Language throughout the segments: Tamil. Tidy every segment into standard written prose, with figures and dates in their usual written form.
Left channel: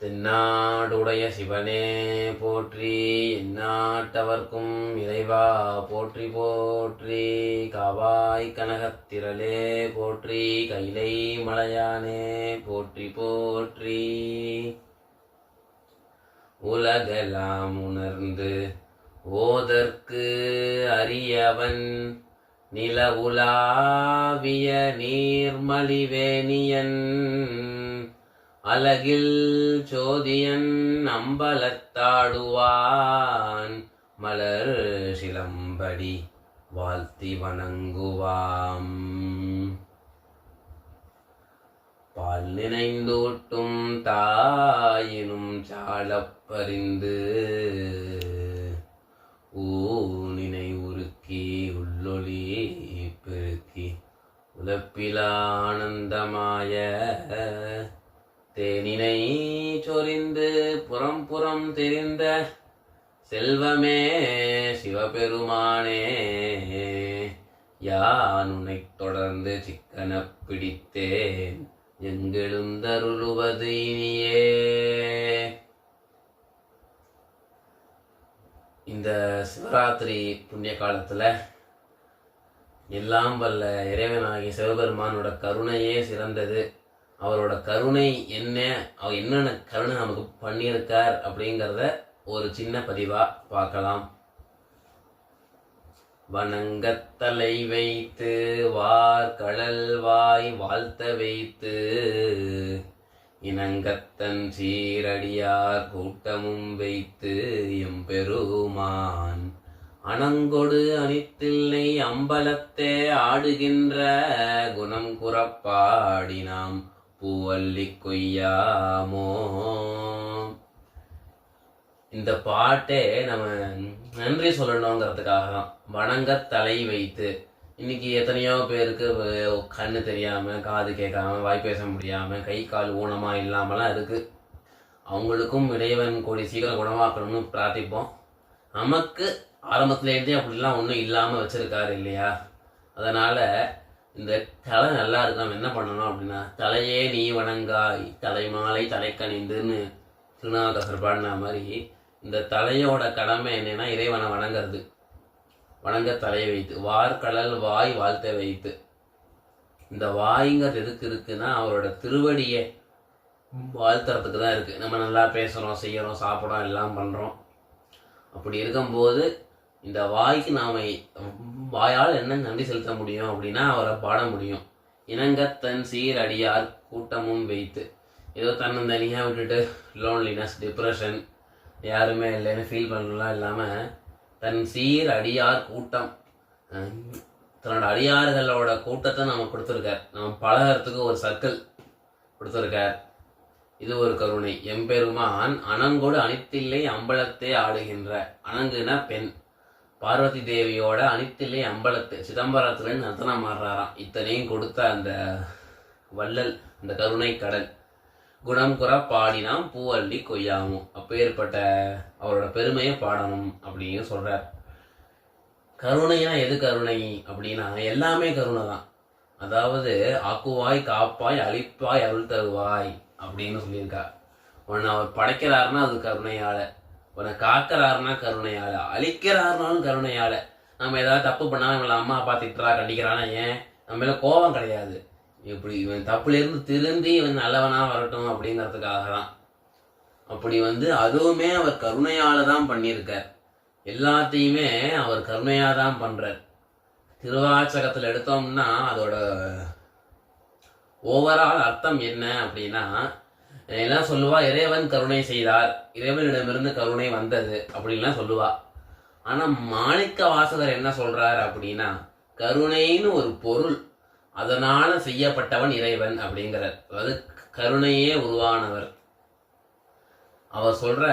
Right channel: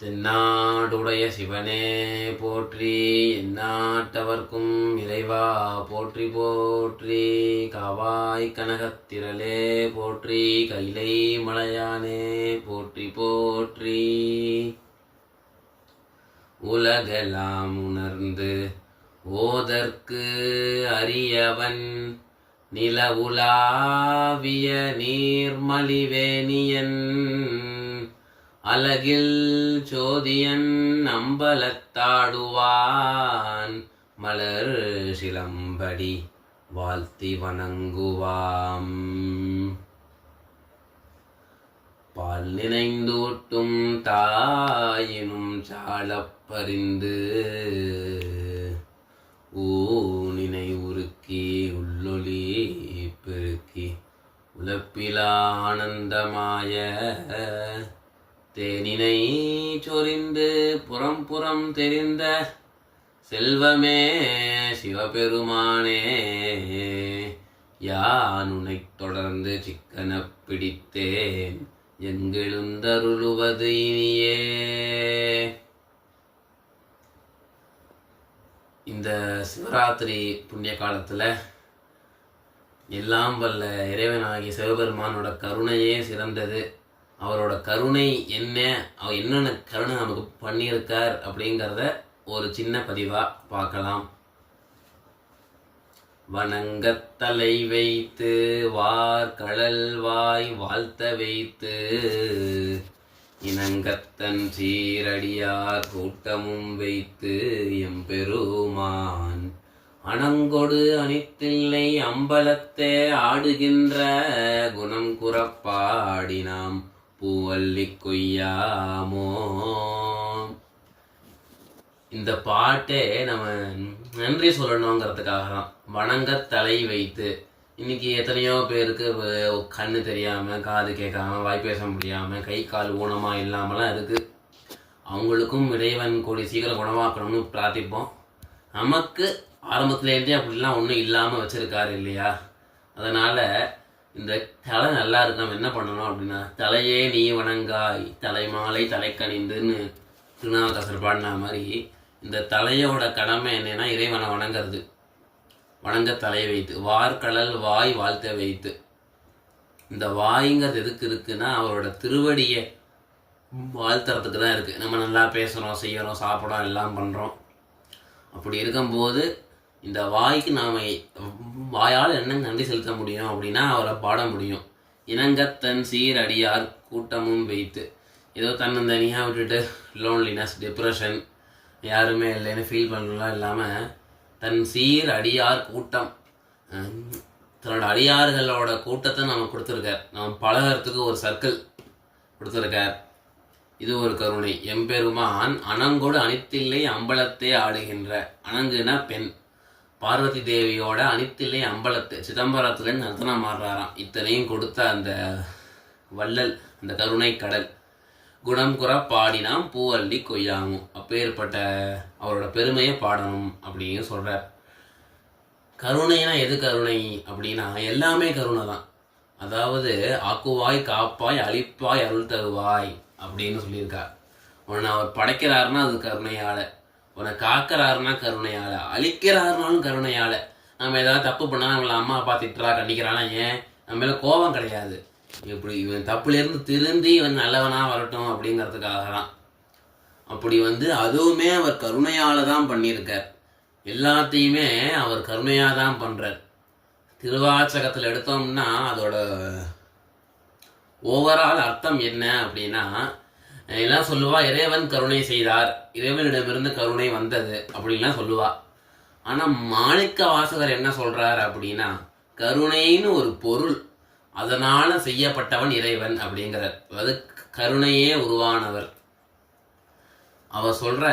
தென்னாடுடைய சிவனே போற்றி, எந்நாட்டவர்க்கும் இறைவா போற்றி போற்றி. காவாய் கனகத்திரளே போற்றி, கைலை மலையானே போற்றி போற்றி. உலகெல்லாம் உணர்ந்து ஓதற்கு அரியவன், நிலவுலாவிய நீர்மலிவேணியன், அலகில் சோதியன் அம்பலத்தாடுவான், மலர் சிலம்படி வாழ்த்தி வணங்குவாம். பால் நினைந்தூட்டும் தாயினும் சாலப்பறிந்து, ஊனினை உருக்கி உள்ளொளி பெருக்கி உலப்பிலானந்தமாய, தேனினை சொரிந்து புறம் புறம் தெரிந்த செல்வமே சிவபெருமானே, யான் உன்னைத் தொடர்ந்து சிக்கன பிடித்தேன், எங்கெழுந்தருளுவது இனியே. இந்த சிவராத்திரி புண்ணிய காலத்தில் எல்லாம் வல்ல இறைவனாகிய சிவபெருமானோட கருணையே சிறந்தது. அவரோட கருணை அவர் என்னென்ன கருணை நமக்கு பண்ணியிருக்கார் அப்படிங்கிறத ஒரு சின்ன பதிவாக பார்க்கலாம். வணங்கத்தலை வைத்து வார் கடல் வாய் வாழ்த்த வைத்து, இனங்கத்தன் சீரடியார் கூட்டமும் வைத்து எம்பெருமான், அணங்கொடு அணித்தில்லை அம்பலத்தே ஆடுகின்ற குணம் குறப்பாடினாம் பூவல்லி கொய்யாமோ. இந்த பாட்டே நம்ம நன்றி சொல்லணுங்கிறதுக்காக தான். வணங்க தலை வைத்து, இன்னைக்கு எத்தனையோ பேருக்கு கண்ணு தெரியாமல், காது கேட்காம, வாய் பேச முடியாமல், கை கால் ஊனமாக இல்லாமலாம் இருக்குது. அவங்களுக்கும் இறைவன் கூடிய சீக்கிரம் குணமாக்கணும்னு பிரார்த்திப்போம். நமக்கு ஆரம்பத்துலேருந்தே அப்படிலாம் ஒன்றும் இல்லாமல் வச்சுருக்காரு இல்லையா? அதனால் இந்த தலை நல்லா இருக்கு. நம்ம என்ன பண்ணணும் அப்படின்னா, தலையே நீ வணங்காய் தலைமாலை தலைக்கணிந்துன்னு திருநாவுக்கரசர் பாடின மாதிரி, இந்த தலையோட கடமை என்னன்னா இறைவனை வணங்கிறது. வணங்க தலையை வைத்து வார்கடல் வாய் வாழ்த்த வைத்து, இந்த வாய்ங்கிறது எதுக்கு இருக்குன்னா அவரோட திருவடியை வாழ்த்துறதுக்கு தான் இருக்குது. நம்ம நல்லா பேசுகிறோம், செய்கிறோம், சாப்பிட்றோம், எல்லாம் பண்ணுறோம். அப்படி இருக்கும்போது இந்த வாய்க்கு நாம் வாயால் என்ன நன்றி செலுத்த முடியும் அப்படின்னா அவரை பாட முடியும். இனங்கத்தன் சீர் அடியார் கூட்டமும் வைத்து, ஏதோ தன்னந்தனியாக விட்டுட்டு லோன்லினஸ், டிப்ரெஷன், யாருமே இல்லைன்னு ஃபீல் பண்ணலாம் இல்லாமல், தன் சீர் அடியார் கூட்டம், தன்னோட அடியார்களோட கூட்டத்தை நம்ம கொடுத்துருக்கார். நம்ம பழகிறதுக்கு ஒரு சர்க்கிள் கொடுத்துருக்கார். இது ஒரு கருணை. எம்பெருமான் அணங்கோடு அணித்தில்லை அம்பலத்தை ஆடுகின்ற, அணங்குனா பெண், பார்வதி தேவியோட அணித்தில்லை அம்பலத்து சிதம்பரத்துல நர்த்தனம் ஆடுறாராம். இத்தனையும் கொடுத்த அந்த வள்ளல், அந்த கருணை கடல், குணம் குற பாடினாம் பூவல்லி கொய்யாமும், அப்பேற்பட்ட அவரோட பெருமையை பாடணும் அப்படின்னு சொல்றார். கருணைனா எது கருணை அப்படின்னா எல்லாமே கருணை தான். அதாவது ஆக்குவாய் காப்பாய் அழிப்பாய் அருள் தருவாய் அப்படின்னு சொல்லியிருக்கார். உன்னை அவர் படைக்கிறாருன்னா அது கருணையால, உன்னை காக்கிறாருன்னா கருணையால, அழிக்கிறாருனாலும் கருணையால. நம்ம ஏதாவது தப்பு பண்ணாலும் நம்மளை அம்மா அப்பா திட்டுறா கண்டிக்கிறானா, ஏன் நம்ம மேலே கோபம் கிடையாது. இப்படி இவன் தப்புலேருந்து திருந்தி இவன் நல்லவனாக வரட்டும் அப்படிங்கிறதுக்காக தான். அப்படி அதுவுமே அவர் கருணையால் தான் பண்ணியிருக்கார். எல்லாத்தையுமே அவர் கருணையாக தான் பண்ணுறார். திருவாச்சகத்தில் எடுத்தோம்னா அதோட ஓவரால் அர்த்தம் என்ன அப்படின்னா, எல்லாம் சொல்லுவா இறைவன் கருணை செய்தார், இறைவனிடமிருந்து கருணை வந்தது அப்படின்லாம் சொல்லுவா. ஆனால் மாணிக்க வாசகர் என்ன சொல்றார் அப்படின்னா, கருணைன்னு ஒரு பொருள், அதனால செய்யப்பட்டவன் இறைவன் அப்படிங்கிறார். அது கருணையே உருவானவர். அவர் சொல்ற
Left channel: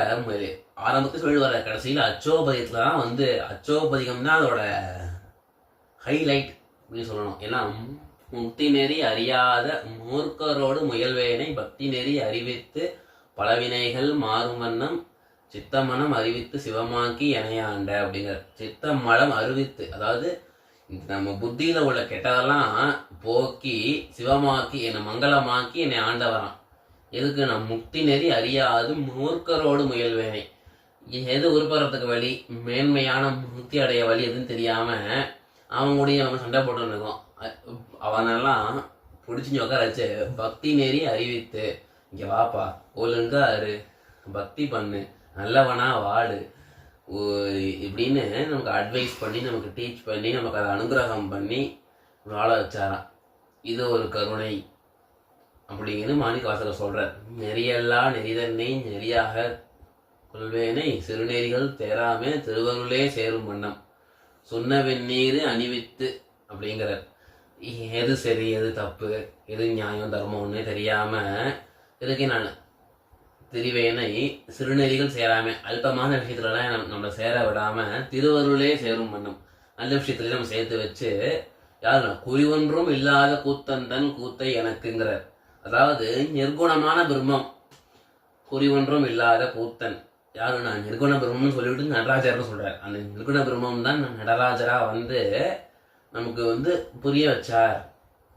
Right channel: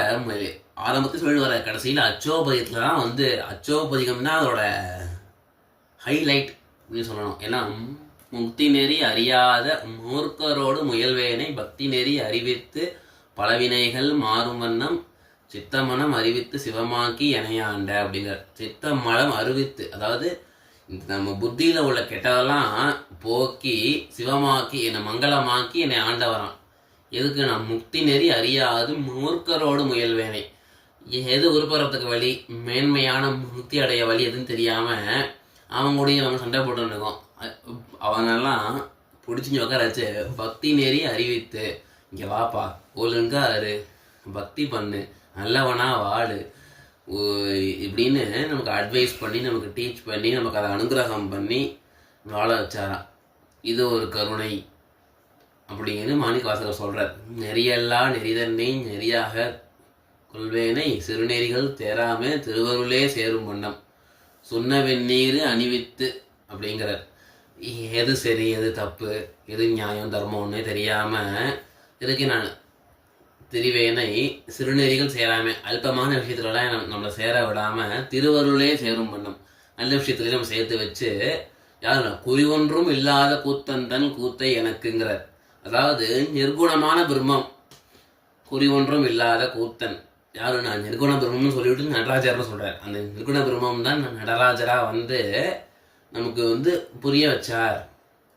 ஆரம்பத்தில் சொல்லுவார், கடைசியில் அச்சோபதியத்துல தான் அச்சோபதிகம் தான் அதோட ஹைலைட் அப்படின்னு சொல்லணும். ஏன்னா முக்தி நெறி அறியாத மூர்க்கரோடு முயல்வேனை பக்தி நெறி அறிவித்து பலவினைகள் மாறும் வண்ணம் சித்தமனம் அறிவித்து சிவமாக்கி எனையாண்ட அப்படிங்கிற. சித்த மலம் அறிவித்து, அதாவது நம்ம புத்தியில் உள்ள கெட்டதெல்லாம் போக்கி சிவமாக்கி என்னை மங்களமாக்கி என்னை ஆண்டவரான். எதுக்கு நான் முக்தி நெறி அறியாது மூர்க்கரோடு முயல்வேனை. எது உருப்பறத்துக்கு வழி, மேன்மையான முக்தி அடைய வழி எதுன்னு தெரியாம அவங்க கூடயும் அவன் சண்டை போட்டு இருக்கோம். அவனெல்லாம் பிடிச்சி உட்கார வச்சு பக்தி நெறி அறிவித்து, இங்கே வாப்பா ஒழுங்கா இரு, பக்தி பண்ணு, நல்லவனா வாடு இப்படின்னு நமக்கு அட்வைஸ் பண்ணி, நமக்கு டீச் பண்ணி, நமக்கு அதை அனுகிரகம் பண்ணி வாழ வச்சாராம். இது ஒரு கருணை அப்படிங்கிறது மாணிக்க வாசகர் சொல்கிறார். நெறியெல்லாம் நெறிதன்னை நெறியாக கொள்வேனை சிறுநெறிகள் தேராமே திருவருளே சேரும் வண்ணம் சொன்ன வெந்நீர் அணிவித்து அப்படிங்கிறார். எது சரி எது தப்பு எது நியாயம் தர்மம்னே தெரியாமல் இதுக்கு நான் திரிவேனை சிறுநெறிகள் சேராமல் அல்பமான விஷயத்துலலாம் நம்மளை சேர விடாமல் திருவருளே சேரும் வண்ணம் நல்ல விஷயத்துலேயே நம்ம சேர்த்து வச்சு யாருன்னா குறி ஒன்றும் இல்லாத கூத்தன் கூத்தை எனக்குங்கிறார். அதாவது நிர்குணமான பிரம்மம், குறி ஒன்றும் இல்லாத கூத்தன் யாரு, நான் நிர்குண பிரம்மம்னு சொல்லிவிட்டு நடராஜர்னு சொல்கிறார். அந்த நிர்குண பிரம்மம் தான் நடராஜராக நமக்கு புரிய வச்சார்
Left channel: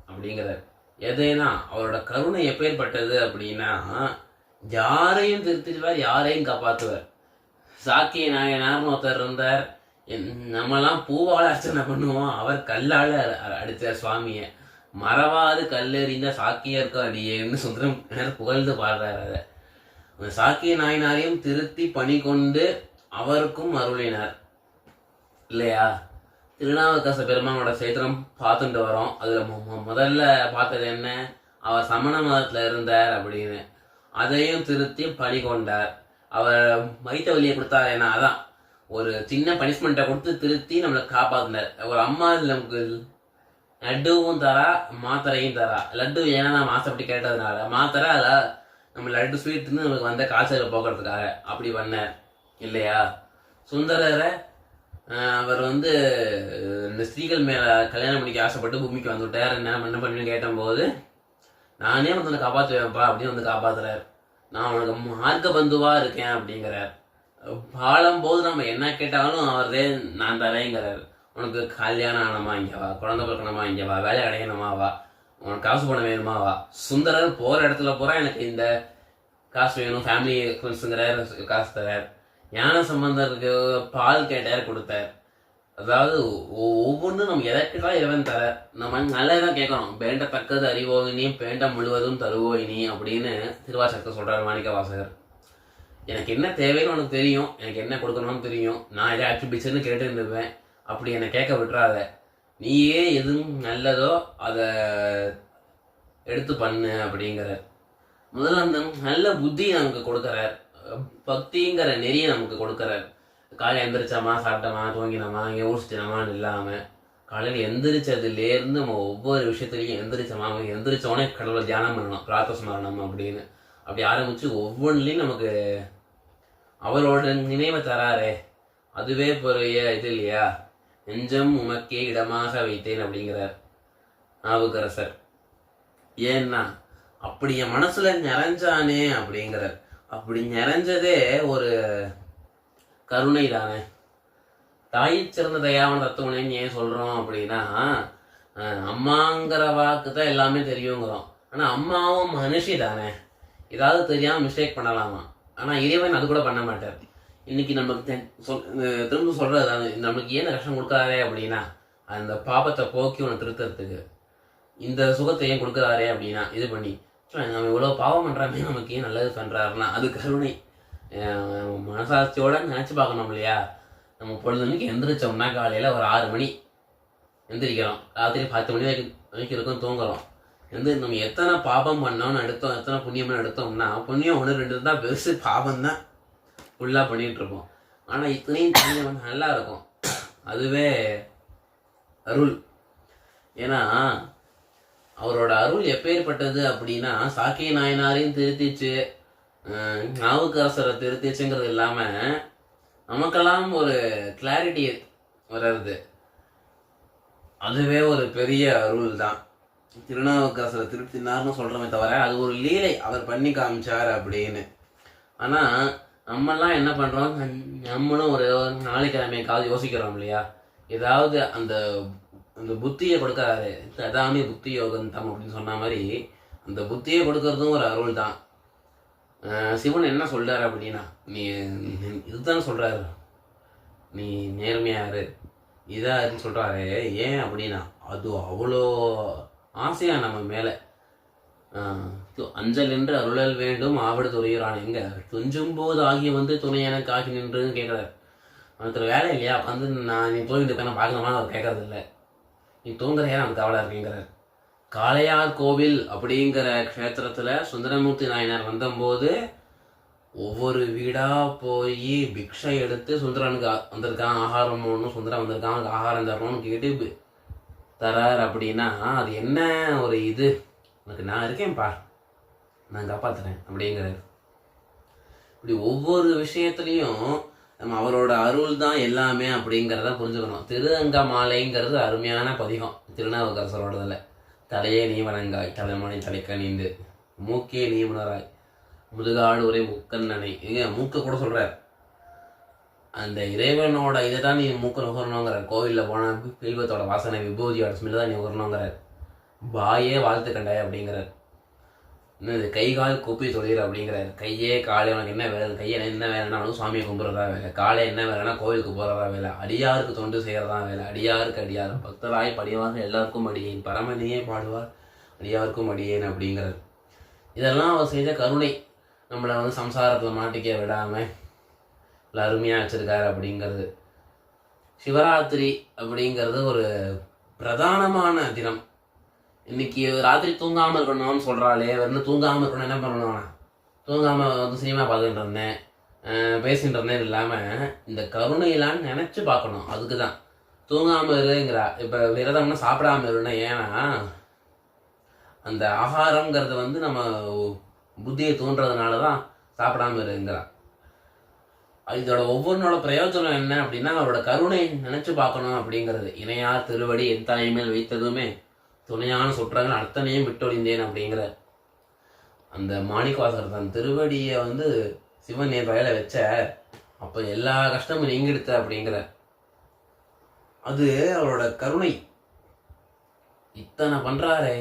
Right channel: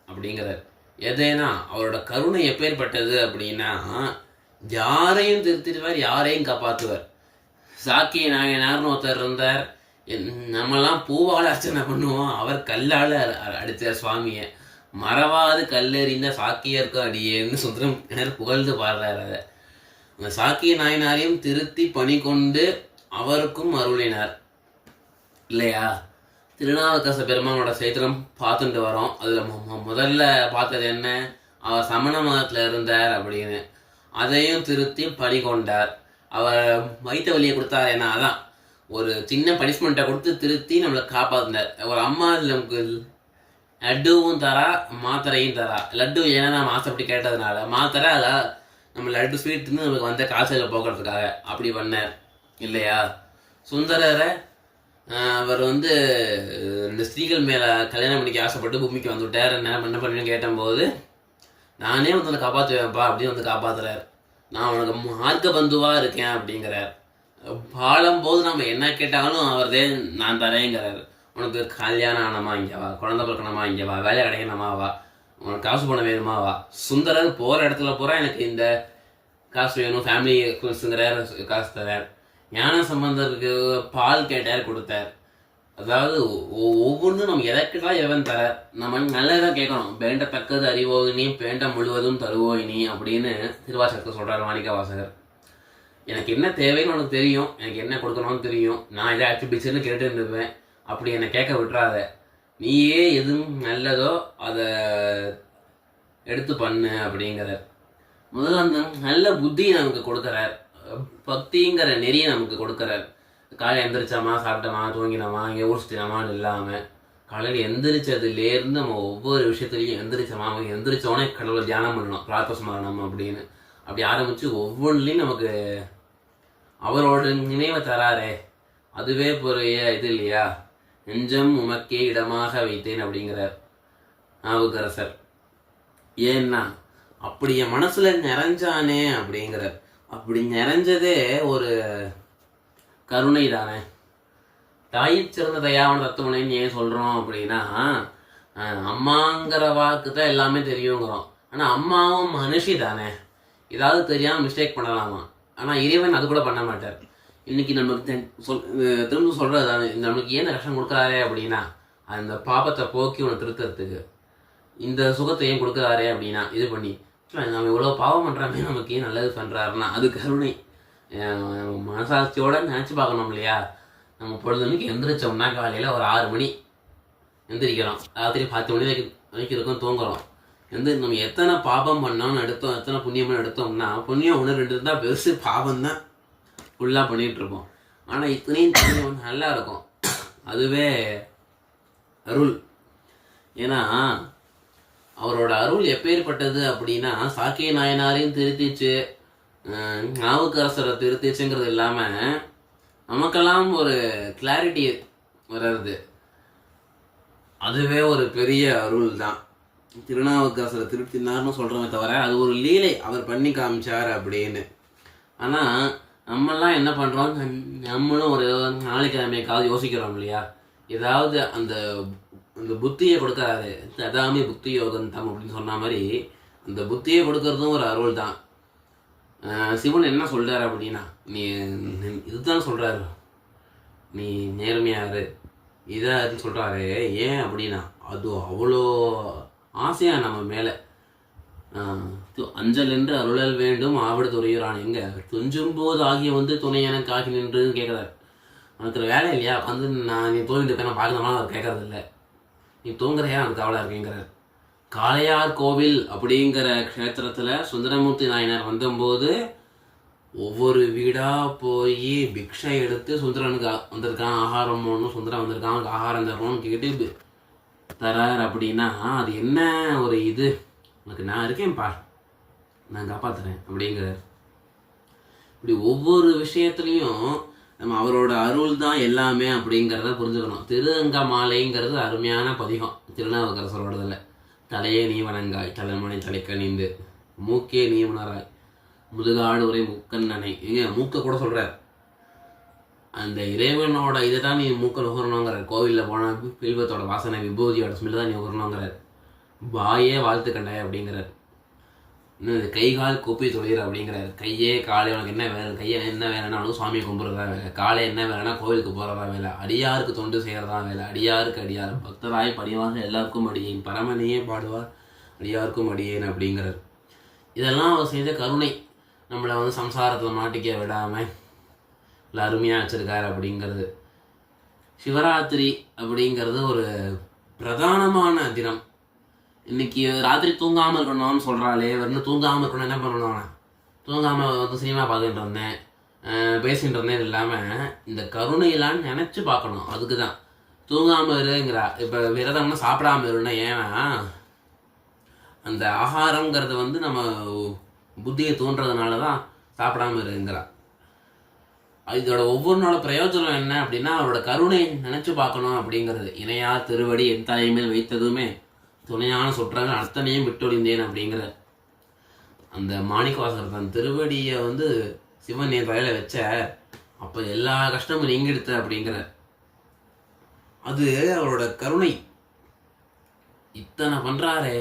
அப்படிங்கிறார். எதேனா அவரோட கருணை எப்பேற்பட்டது அப்படின்னா, யாரையும் திருத்திடுவார், யாரையும் காப்பாற்றுவார். சாக்கிய நாயனார்னு ஒருத்தர் இருந்தார். நம்மலாம் பூவால் அர்ச்சனை பண்ணுவோம், அவர் கல்லால் அடித்தார் சுவாமியை. மறவாது கல்லெறிந்த சாக்கியருக்கு அடியேன்னு சுந்தரம் புகழ்ந்து பாடுறார். அதை அந்த சாக்கிய நாயனாரையும் திருத்தி பணி கொண்டு அவருக்கும் அருளினார் இல்லையா. திருநாவுக்கரச பெருமானோட சரித்திரம் பார்த்துட்டு வரோம். அதில் முதல்ல பார்த்தது என்ன, அவர் சமண மதத்தில் இருந்தார் அப்படின்னு. அதையும் திருத்தி பணி கொண்டார். அவர் வைத்த வழியை கொடுத்தார். ஏன்னா அதான் ஒரு சின்ன பனிஷ்மெண்ட்டை கொடுத்து திருத்தி நம்மளை காப்பாற்றினார். ஒரு அம்மா நமக்கு லட்டுவும் தரா மாத்திரையும் தரா. லட்டு ஏன்னா நம்ம ஆசைப்பட்டு கேட்டதுனால, மாத்திரை அதில் நம்ம லட்டு ஸ்வீட்னு நமக்கு வந்த காய்ச்சலை போக்குறதுக்காக அப்படி பண்ணார் இல்லையா. சுந்தரரை அவர் இந்த ஸ்திரீகள் மேலே கல்யாணம் பண்ணிக்க ஆசைப்பட்டு பூமிக்கு வந்துவிட்டார். என்ன பண்ணுன்னு கேட்டபோது, நானே உன்னை காப்பாற்றுவேன்ப்பா அப்படின்னு காப்பாற்றுறார். நான் உனக்கு மார்க்க பந்துவாக இருக்கேன் அப்படிங்கிறார். பாடும்போது நம்ம என்ன கேட்டாலும் அவர்தே நான் தரேங்கிறார். உனக்கு கல்யாணம் ஆனமா இங்கே வா, குழந்தை பிறக்கணுமா இங்கே வா, வேலை கிடைக்கணுமா வா, உனக்கு காசு பணம் வேணுமா வா. சுந்தரர் போகிற இடத்துல போகிறா எனக்கு இந்த காசு வேணும், ஃபேமிலி எக்ஸ்பென்ஸுங்கிறார், காசு தரார். ஞான சம்பந்தருக்கு பால் கேட்டார், கொடுத்தார். அதாவது ஒவ்வொன்றும் நம்ம எதை கேட்டாலும் இறைவன் தரார். நம்ம நல்லதான் கேட்கணும். வேண்டத்தக்கது அறிவோயினி வேண்ட முழுவதும் தருவோயினி அப்படின்னு திருவாசகத்தை சொல்கிறார் மாணிக்க வாசகர். எனக்கு என்ன தேவைன்னு உனக்கு தெரியும், எனக்கு என்ன கொடுக்கணும்னு தெரியும். நான் எதை ஆக்டிவிட்டிஸ்ன்னு கேட்டு இருந்துப்பேன். அப்படி என்னை கேட்க விட்டுறாத. நீயே எதுவும் நல்லதோ அதை எடுத்து பண்ணு அப்படிங்கிற. முதல்ல அந்த நல்ல புத்தியை நமக்கு கொடுக்குறார். பக்திங்கிற நெறியை நமக்கு கொடுக்குறார். காலையில் எந்திரிச்சோமா, சாப்பிட்டோமா, தூங்கினோமா, இங்கே ஊசிச்சினோமான்னு இல்லாமல் காலையில் எந்திரிச்சதுலேருந்து நம்ம ஒவ்வொரு விஷயத்துலையும் எந்திரிச்சோமா, எந்திரிச்சோடனே கடவுளை தியானம் பண்ணணும், பிரார்த்தனை பண்ணணும் அப்படின்னு அப்படி ஆரம்பித்து ஒவ்வொன்றுலையும் நமக்கு அவரோட நினைவை தராரே, அதுவே பெரிய இது இல்லையா. நெஞ்சம் உமக்கே இடமாக வைத்தேன் அப்படிங்கிறார் நாவுக்கரசர். ஏன்னா அப்படி என் மனசுல நிறைஞ்சானே அப்படிங்கிறார். அப்படி நிறைஞ்சதே ஒரு கருணை தானே. தாயை சிறந்த தயாவன தத்துவனைன்னு ஏன் சொல்றோம் அப்படின்னா, அம்மாங்கிற வாக்கு தான் எல்லாமே தெரியுங்கிறோம். ஆனா அம்மாவும் மனுஷி தானே, ஏதாவது தெரியாம மிஸ்டேக் பண்ணலாமா. ஆனா இறைவன் அது கூட பண்ண மாட்டார். இன்னைக்கு நமக்கு திரும்ப சொல்றது, நம்மளுக்கு ஏன் கஷ்டம் கொடுக்குறாரே அப்படின்னா, அந்த பாபத்தை போக்கி உனக்கு திருக்கிறதுக்கு இந்த சுகத்தை ஏன் கொடுக்குறாரே அப்படின்னா, இது பண்ணி நம்ம இவ்வளோ பாவம் பண்ணுறாமே நமக்கு ஏன் நல்லது பண்ணுறாருன்னா அது கருணை. மனசாட்சியோட நினச்சி பார்க்கணும் இல்லையா. நம்ம பொழுதுக்கு எந்திரிச்சோம்னா காலையில் ஒரு 6 மணி எந்திரிக்கிறோம், ராத்திரி 10 மணி வரைக்கும் இருக்கும் தூங்குறோம். நம்ம எத்தனை பாபம் பண்ணோம்னு எடுத்தோம், எத்தனை புண்ணியம்னு எடுத்தோம்னா, புண்ணியம் 1-2 தான் பெருசு, பாவம் தான் ஃபுல்லாக பண்ணிகிட்ருப்போம். ஆனால் இத்தனையும் நல்லா இருக்கும். அதுவே அருள். ஏன்னா அவரோட அருள் எப்பேற்பட்டது அப்படின்னா, சாக்கிய நாயனாரையும் திருத்திச்சு, நாவுக்கரசரை திருத்திச்சுங்கிறது இல்லாமல் நமக்கெல்லாம் ஒரு கிளாரிட்டி வர்றது, அதுவே ஒரு பெரிய அருள் தான். திருநாவுக்கரசரை திருப்தினார்னு சொல்கிறோமே தவிர அது ஒரு லீலை, அவர் பண்ணி காமிச்சார் அப்படின்னு. ஆனால் நம்மெல்லாம் என்ன பண்ணுறோம், நம்மளும் ஒரு நாளைக்கிழமைக்காவது யோசிக்கிறோம் இல்லையா. ஏதாவது அந்த அந்த புத்தியை கொடுக்கறாரு, அதாமே புத்தி யோகம் தம் அப்படின்னு சொன்ன மாதிரி அந்த புத்தியை கொடுக்கறதும் ஒரு அருள் தான். சிவன் என்ன சொல்றாரு அப்படின்னா, நீ இதுதான் சொல்றாரு, நீ நேர்மையாரு இதாருன்னு சொல்றாரு. ஏன் அப்படின்னா, அது அவ்வளோ ஆசையா நம்ம மேலே. அஞ்சல் என்று அருளல் வேண்டும் ஆவடு துறையுறான். எங்க துஞ்சும் போது ஆகி வந்து துணை எனக்கு ஆகி நின்றுன்னு கேட்குறாரு. அவனுக்கு வேலை இல்லையா வந்து நான் நீ தூங்கிட்டு இருக்க நான் பார்க்கணும்னா அவர் கேட்கறது இல்லை. நீ தூங்குறையா எனக்கு கவலை இருக்குங்கிறார். காளையார் கோவில் அப்படிங்கிற க்ஷேத்திரத்தில் சுந்தரமூர்த்தி நாயனார் வந்தபோது ஒவ்வொரு வீடாக போய் பிக்ஷை எடுத்து சுந்தரனுக்கு வந்திருக்கான் ஆகாரம் போடணும், சுந்தரம் வந்திருக்கான் அவனுக்கு ஆகாரம் தரணும்னு கேட்டு தரார். அப்படின்னா அது என்ன ஒரு இது, உனக்கு நான் இருக்கேன்ப்பா, நான் காப்பாற்றுறேன் அப்படிங்கிறார். இப்படி ஒவ்வொரு விஷயத்துலையும் நம்ம அவரோட அருள் தான் எல்லாமே அப்படிங்கிறத புரிஞ்சுக்கணும். திரு அங்க மாலைங்கிறது அருமையான பதிகம் திருநாவுக்கரசரோடதில். தலையே நீ வணங்காய் தலைமனை தலைக்கணிந்து மூக்கே நீ உணராய் முதுகாடு உரை முக்கண்ணனை. எங்க மூக்க கூட சொல்கிறார். அந்த இறைவனோட இதை தான் நீ மூக்க நுகரணுங்கிறார். கோவிலில் போனால் பில்வத்தோட வாசனை விபூதியோட ஸ்மெல் தான் நீ நுகரணுங்கிறார். வாயே வாழ்த்து கண்டாய் அப்படிங்கிறார். இன்னும் இது கை கால் கூப்பி தொழில் அப்படிங்கிறார். கையே காலை உனக்கு என்ன வேலை, கையை என்ன வேலைன்னா அவனுக்கு சுவாமியை கும்பிட்றதா வேலை, காலை என்ன வேலைன்னா கோவிலுக்கு போகிறதா வேலை, அடியாருக்கு தொண்டு செய்கிறதா வேலை, அடியாருக்கு அடியார் பக்தராய் படிவார் எல்லாருக்கும் அடியேன் பரமனையே பாடுவார் அடியாருக்கும் அடியேன் அப்படிங்கிறார். இதெல்லாம் அவர் செய்த கருணை, நம்மளை வந்து சம்சாரத்தில் மாட்டிக்க விடாமல் இல்லை அருமையாக வச்சுருக்காரு அப்படிங்கிறது. சிவராத்திரி அப்படிங்கிறது ஒரு பிரதானமான தினம். இன்னைக்கு ராத்திரி தூங்காமல் இருக்கணும்னு சொல்கிறாளே, வெறும் தூங்காமல் இருக்கணும் என்ன பண்ணணும்னா, தூங்காமல் வந்து சினிமா பார்த்துட்டு இருந்தேன் பேசிகிட்டு இருந்தேன் இல்லாமல் இந்த கருணையிலான்னு நினச்சி பார்க்கணும். அதுக்கு தான் தூங்காமல் இருங்கிறா. இப்போ விரதம்னா சாப்பிடாமல் இருன்னா, ஏன்னா அந்த ஆகாரங்கிறது வந்து நம்ம புத்தியை தூண்டுறதுனால தான் சாப்பிடாமல் இருங்கிறா. இதோட ஒவ்வொன்றோட பிரயோஜனம் என்ன அப்படின்னா, அவரோட கருணை நினச்சி பார்க்கணும் அப்படிங்கிறது. இணையார் திருவடி என் தலைமையில் வைத்ததுமே துணையான சுற்றங்கள் அத்தனையும் விட்டொழிந்தேன் அப்படிங்கிற அந்த மாணிக்கவாசகர் தன் திருவடியை வந்து சிவன் என் வயலை வச்ச அப்போ எல்லா கஷ்டமும் நீங்கிடுத்த அப்படிங்கிற அது அவரோட கருணை. இத்தனை பண்ணுறாரே,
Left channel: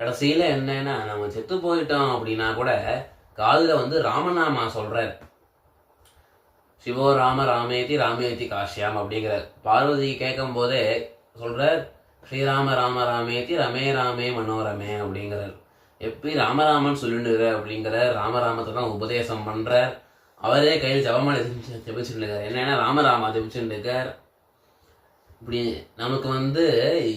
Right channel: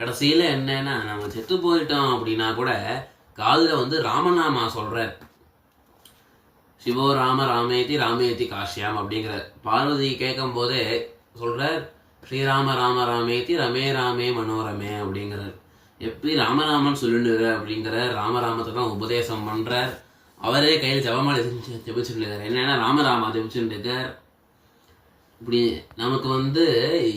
கடைசியில் என்னன்னா நம்ம செத்து போயிட்டோம் அப்படின்னா கூட காதில் வந்து ராமநாமா சொல்கிறார். சிவோ ராம ராமேதி ராமேதி காஷ்யாம் அப்படிங்கிறார். பார்வதி கேட்கும் போதே சொல்கிறார், ஸ்ரீராம ராம ராமேதி ரமே ராமே மனோரமே அப்படிங்கிறார். எப்படி ராமராமன் சொல்லிட்டு அப்படிங்கிற ராமராமத்தை தான் உபதேசம் பண்ணுறார். அவரே கையில் ஜபமாலை ஜபிச்சுட்டு இருக்கார். என்னென்னா ராமராமா ஜபிச்சுட்டு இருக்கார். இப்படி நமக்கு வந்து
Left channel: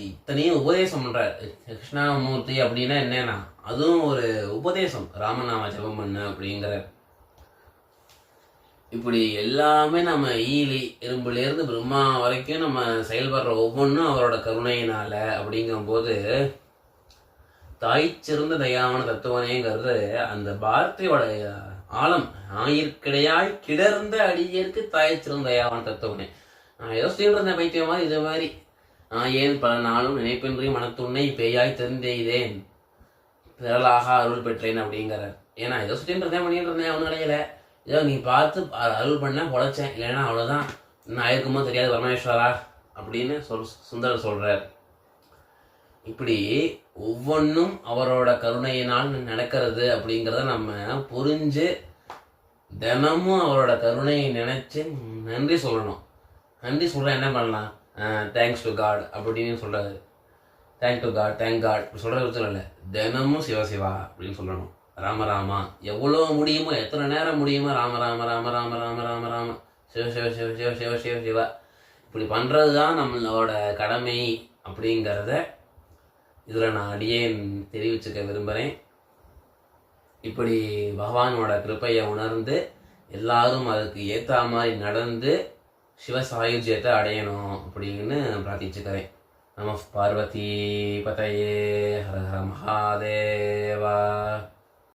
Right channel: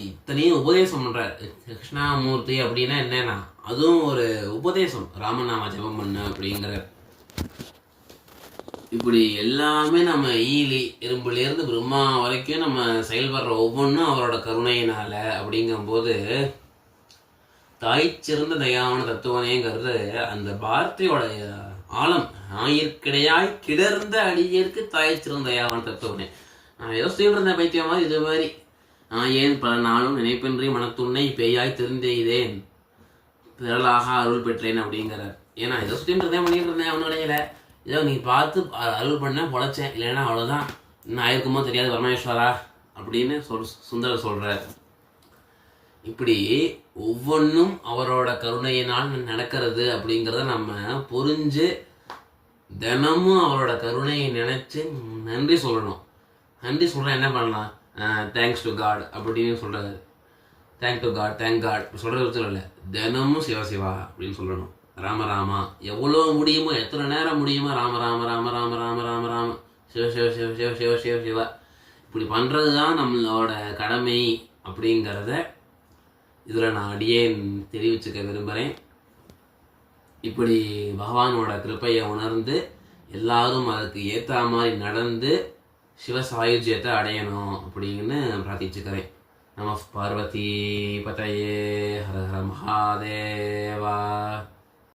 இத்தனையும் உபதேசம் பண்ணுறார். கிருஷ்ணாமூர்த்தி அப்படின்னா என்னன்னா அதுவும் ஒரு உபதேசம், ராமநாமா ஜபம் பண்ண அப்படிங்கிற. இப்படி எல்லாமே நம்ம ஈலி எறும்புலேருந்து பிரம்மா வரைக்கும் நம்ம செயல்படுற ஒவ்வொன்றும் அவரோட கருணையினால அப்படிங்கும்போது தாய் சிறந்த தயாவான தத்துவனேங்கிறது அந்த வார்த்தையோட ஆழம். ஆயிற்கிடையாய் கிடர்ந்த அடியேற்கு தாய் சிறந்த தயாவான தத்துவனே. நான் யோசிச்சுட்டு இருந்தேன் பைத்தியமா இது மாதிரி. நான் ஏன் பல நாளும் நினைப்பின்றி மனத்துணை பேயாய் தெரிந்தெய்தேன் பிறலாக அருள் பெற்றேன் அப்படிங்கிறார். ஏன்னா ஏதோ சுற்றிட்டு இருந்தேன் பண்ணிட்டு இருந்தேன் ஒன்றும் கிடையல. ஏதோ நீ பார்த்து அருள் பண்ண பொழைச்சேன், இல்லைன்னா அவ்வளோதான், நான் இருக்குமோ தெரியாது பரமேஸ்வரா அப்படின்னு சுந்தரர் சொல்கிறார். இப்படி ஒவ்வொன்றும் அவரோட கருணையினால் நடக்கிறது அப்படிங்கிறத நம்ம புரிஞ்சு தினமும் அவரோட கருணையை நினச்சி நன்றி சொல்லணும். நன்றி சொல்கிற என்ன பண்ணலாம், தேங்க்ஸ் டு காட் அப்படின்னு சொல்கிறாரு. Thank to god, thank god சொல்கிறது பிரச்சனை இல்லை, தினமும் சிவசிவா அப்படின்னு சொல்லணும். ராமராமா எவ்வளோ முடியுமோ, எத்தனை நேரம் முடியுமோ ராம ராம ராம ராம ராம ராம ராம சிவ சிவ சிவ சிவ சிவ சிவ சிவா இப்படி பண்ணுறது தான் நம்மளோட கடமை அப்படிங்கிறத இதில் நான் அடியேன் தெரிவிச்சுக்க விரும்புகிறேன். இப்படி பகவானோட கிருப்பையை உணர்ந்து எல்லாரும் அதுக்கு ஏற்ற மாதிரி நடந்து சிவ சாயுஜ்யத்தை அடையணும் அப்படின்னு பிரார்த்திச்சுக்கிறேன். நம பார்வதி பதயே ஹர ஹர மகாதேவா.